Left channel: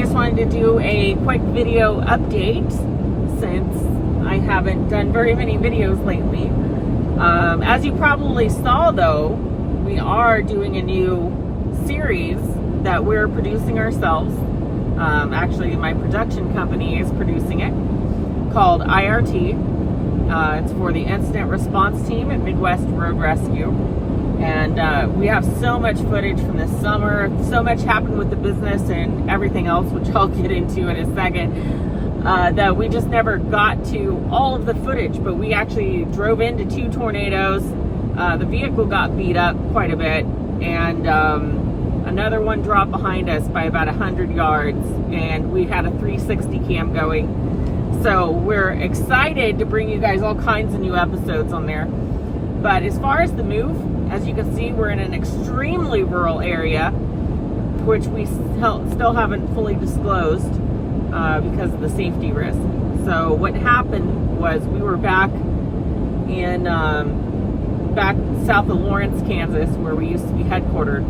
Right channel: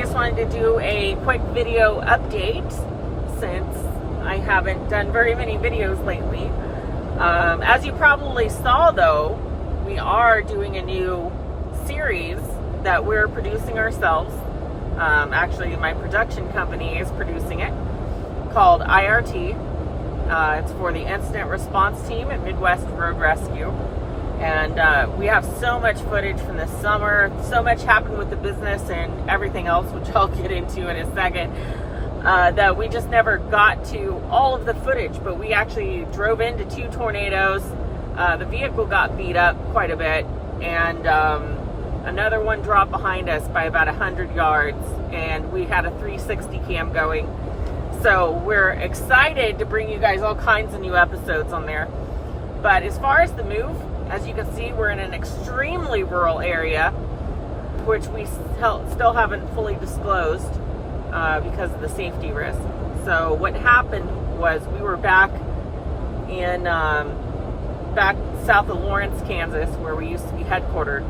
I just wanted to do a quick video update since I haven't done very many videos lately. As you probably saw though, we are doing a new series that we're producing ourselves. Actually, my production company is producing it, called IRT. It's for the Incident Response Team at Midwest Road Rescue. And we have so much footage from this summer, so much happened with the business and everything else, which I'll get into in a second, that we just never got to all of the footage. But we actually drove into 2 tornadoes. The vehicle got beat up quite a bit, and another one dropped behind us by about 100 yards, and we had a 360 cam going. So we're excited to bring you guys all kinds of new episodes on there. But as far as the move, as you can see, we're in an extremely rural area, which we still haven't fully disclosed because of the safety risk. So what happened was we were back in back south of Lawrence, Kansas, where we used to be headquartered.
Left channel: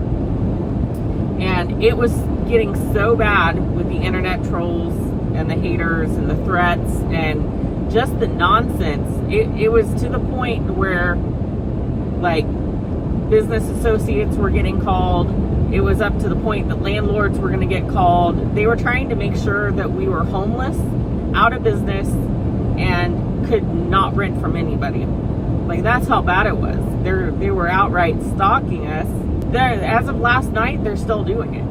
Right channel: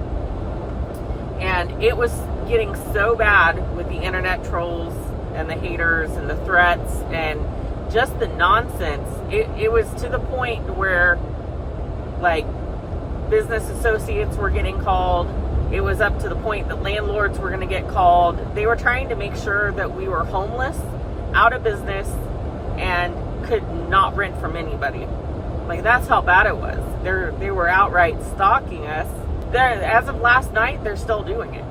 And it was getting so bad with the internet trolls and the haters and the threats and just the nonsense. It was to the point where, like, business associates were getting called. It was up to the point that landlords were going to get called. They were trying to make sure that we were homeless, out of business, and could not rent from anybody. Like, that's how bad it was. They were outright stalking us. As of last night, they're still doing it.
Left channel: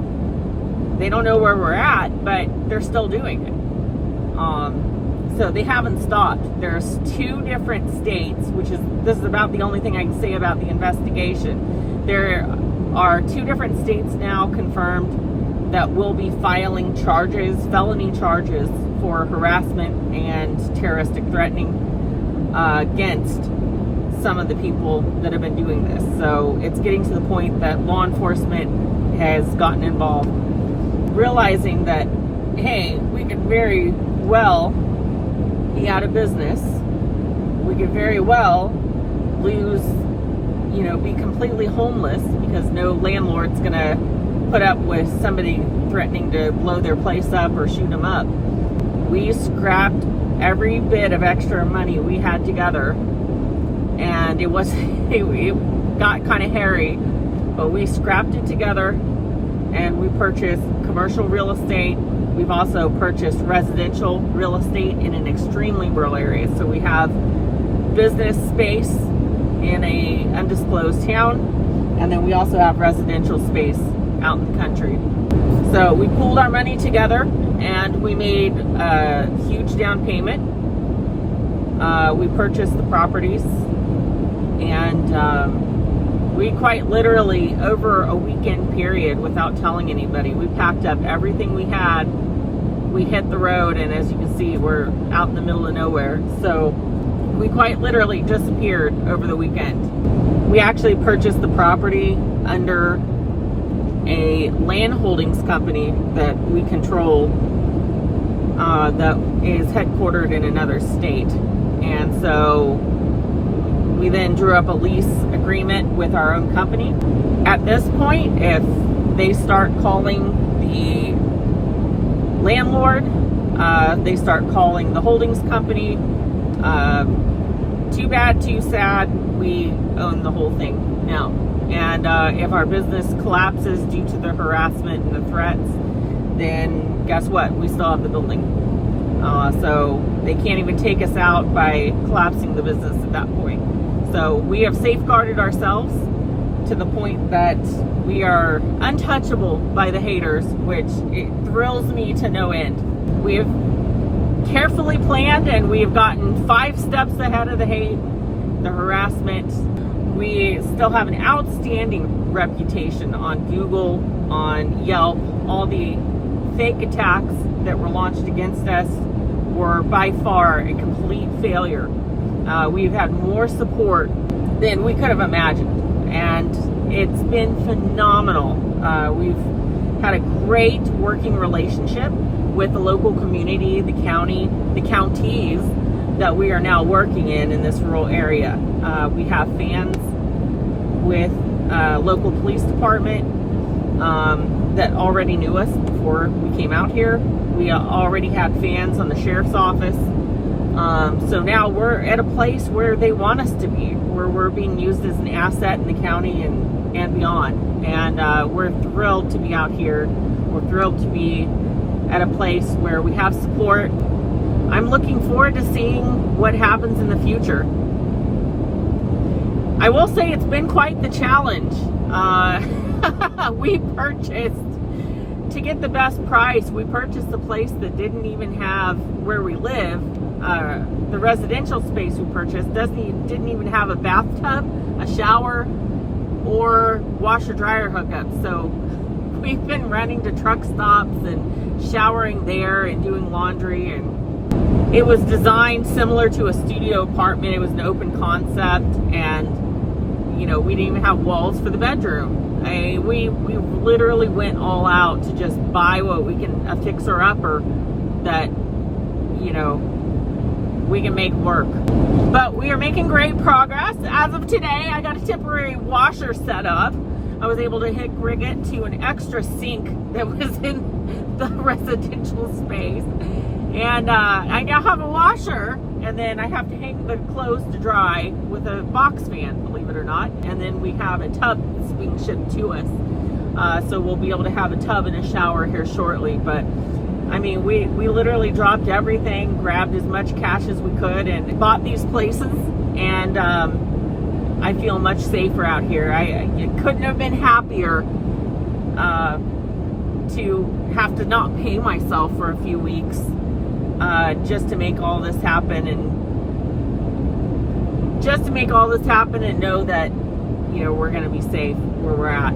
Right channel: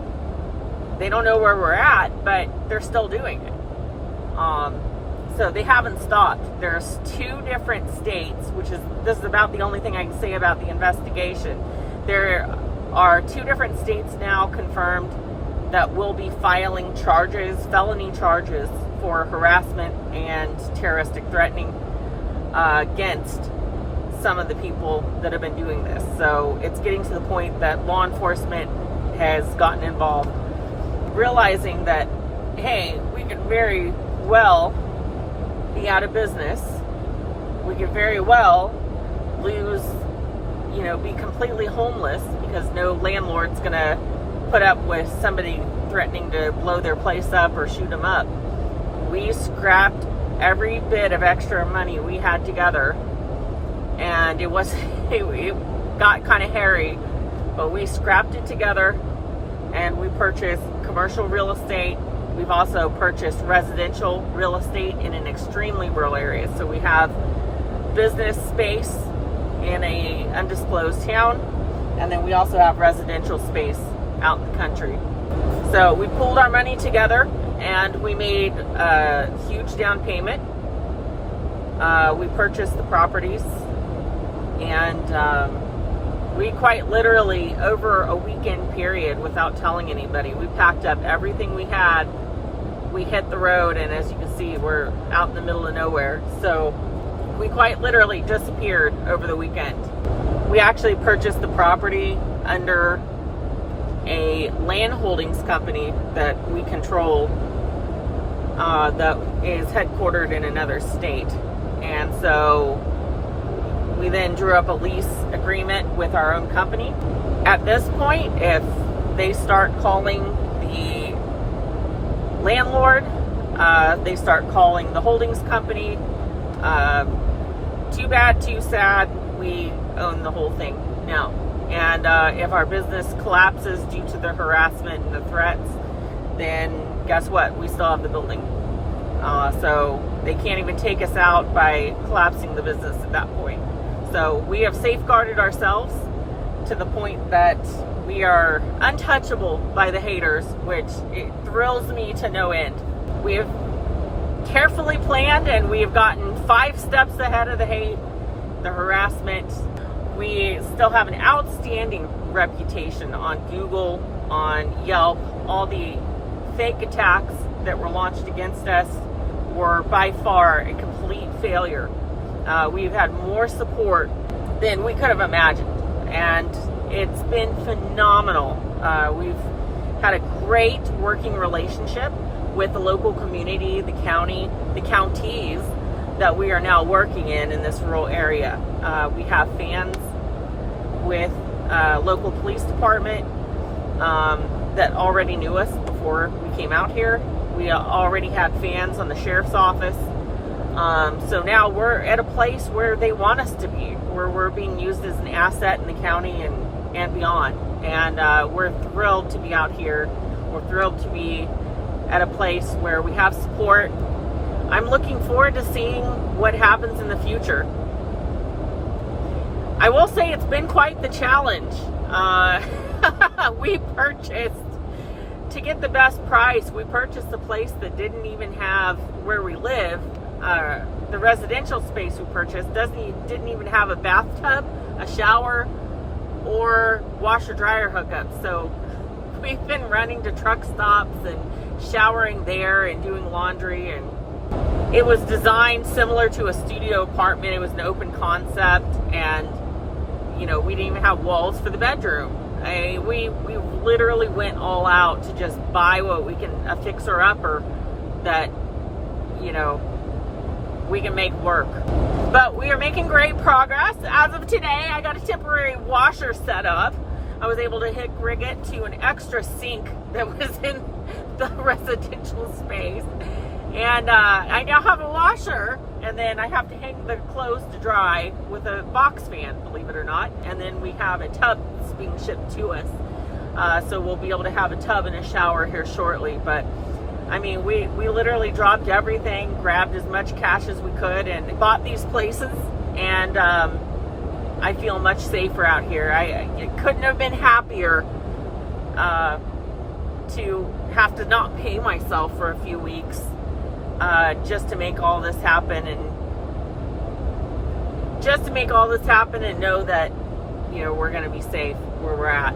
They don't know where we're at, but they're still doing it. So they haven't stopped. There's 2 different states, this is about the only thing I can say about the investigation. There are 2 different states now confirmed that will be filing charges, felony charges, for harassment and terroristic threatening against some of the people that have been doing this. So it's getting to the point that law enforcement has gotten involved, realizing that, hey, we could very well be out of business. We could very well lose, be completely homeless because no landlord's gonna put up with somebody threatening to blow their place up or shoot them up. We scrapped every bit of extra money we had together, and it got kind of hairy, but we scrapped it together and we purchased commercial real estate. We've also purchased residential real estate in an extremely rural area. So we have business space in a undisclosed town, and then we also have residential space out in the country. So we pulled our money together and we made a huge down payment. We purchased the properties, and we quite literally, over a weekend period, without telling anybody, we packed up everything we had. We hit the road, and as you can see, we're out in the middle of nowhere. So we quite literally disappeared over the weekend. We actually purchased the property under a land holdings company that we control, that is headquartered in another state. And so we then drew up a lease agreement with our own company. At this point, if they start calling the landlord, they start calling the holdings company, too bad, too sad, we own the whole thing now. And if our business collapses due to the harassment and the threats, then guess what? We still have the building. So they can't even take us out by collapsing the business at that point. So we have safeguarded ourselves to the point that we are untouchable by the haters, which it thrills me to no end. We have carefully planned, and we have gotten 5 steps ahead of the hate, the harassment. We still have an outstanding reputation on Google, on Yelp. All the fake attacks that were launched against us were by far a complete failure. We've had more support than we could have imagined, and it's been phenomenal. We've had a great working relationship with the local community, the county, the counties that we are now working in this rural area. We have fans with local police department that already knew us before we came out here. We already had fans on the sheriff's office. So now we're at a place where they want us to be, where we're being used as an asset in the county and beyond. And we're thrilled to be out here. We're thrilled to be at a place where we have support. I'm looking forward to seeing what happens in the future. I will say it's been quite the challenge. We purchased, to get the best price, we purchased a place that didn't even have where we live. The residential space we purchased didn't even have a bathtub, a shower, or washer dryer hookup. So we've been running to truck stops and showering there and doing laundry. And it was designed similar to a studio apartment. It was an open concept, and you know, we didn't even have walls for the bedroom. We literally went all out to just buy what we can, a fixer-upper that, you know, we can make work. But we are making great progress. As of today, I got a temporary washer set up. I was able to rig it to an extra sink that was in the residential space. And I now have a washer, and then I have to hang the clothes to dry with a box fan, believe it or not. And then we have a tub that's being shipped to us. So we'll be able to have a tub and a shower here shortly. But I mean, we literally dropped everything, grabbed as much cash as we could, and bought these places. And I feel much safer out here. I couldn't have been happier to have to not pay myself for a few weeks just to make all this happen, and know that, you know, we're going to be safe where we're at.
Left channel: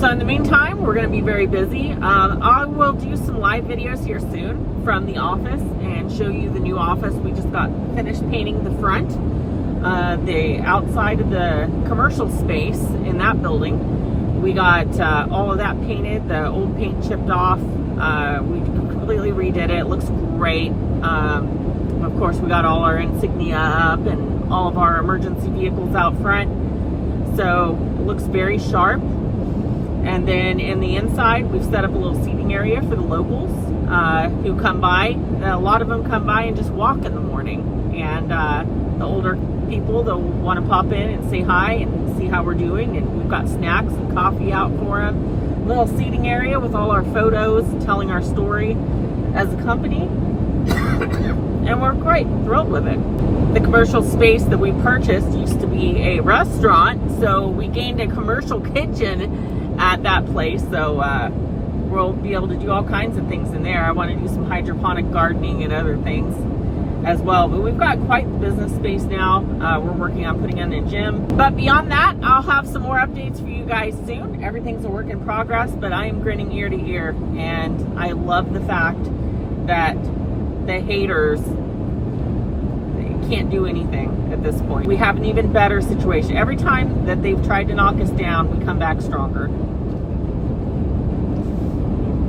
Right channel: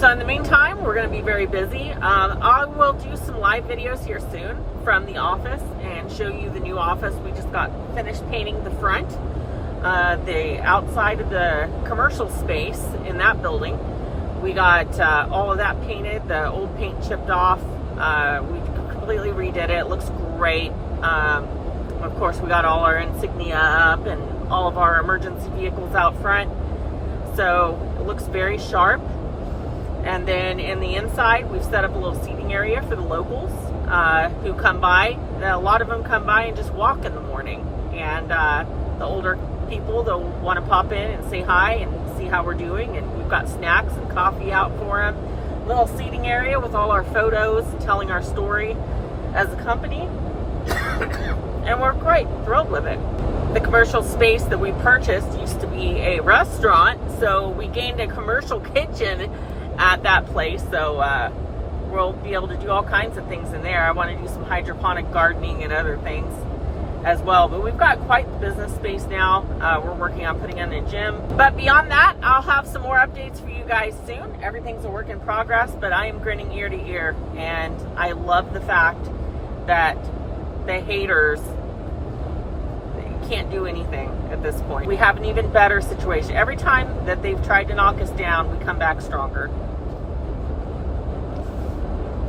So in the meantime, we're going to be very busy. I will do some live videos here soon from the office and show you the new office. We just got finished painting the front, the outside of the commercial space in that building. We got all of that painted, the old paint chipped off. We completely redid it. It looks great. Of course, we got all our insignia up and all of our emergency vehicles out front. So it looks very sharp. And then in the inside, we've set up a little seating area for the locals who come by. A lot of them come by and just walk in the morning. And the older people, they'll want to pop in and say hi and see how we're doing. And we've got snacks and coffee out for them. A little seating area with all our photos and telling our story as a company. And we're quite thrilled with it. The commercial space that we purchased used to be a restaurant, so we gained a commercial kitchen at that place. So we'll be able to do all kinds of things in there. I want to do some hydroponic gardening and other things as well. But we've got quite the business space now. We're working on putting in a gym. But beyond that, I'll have some more updates for you guys soon. Everything's a work in progress, but I am grinning ear to ear. And I love the fact that the haters can't do anything at this point. We have an even better situation. Every time that they've tried to knock us down, we come back stronger.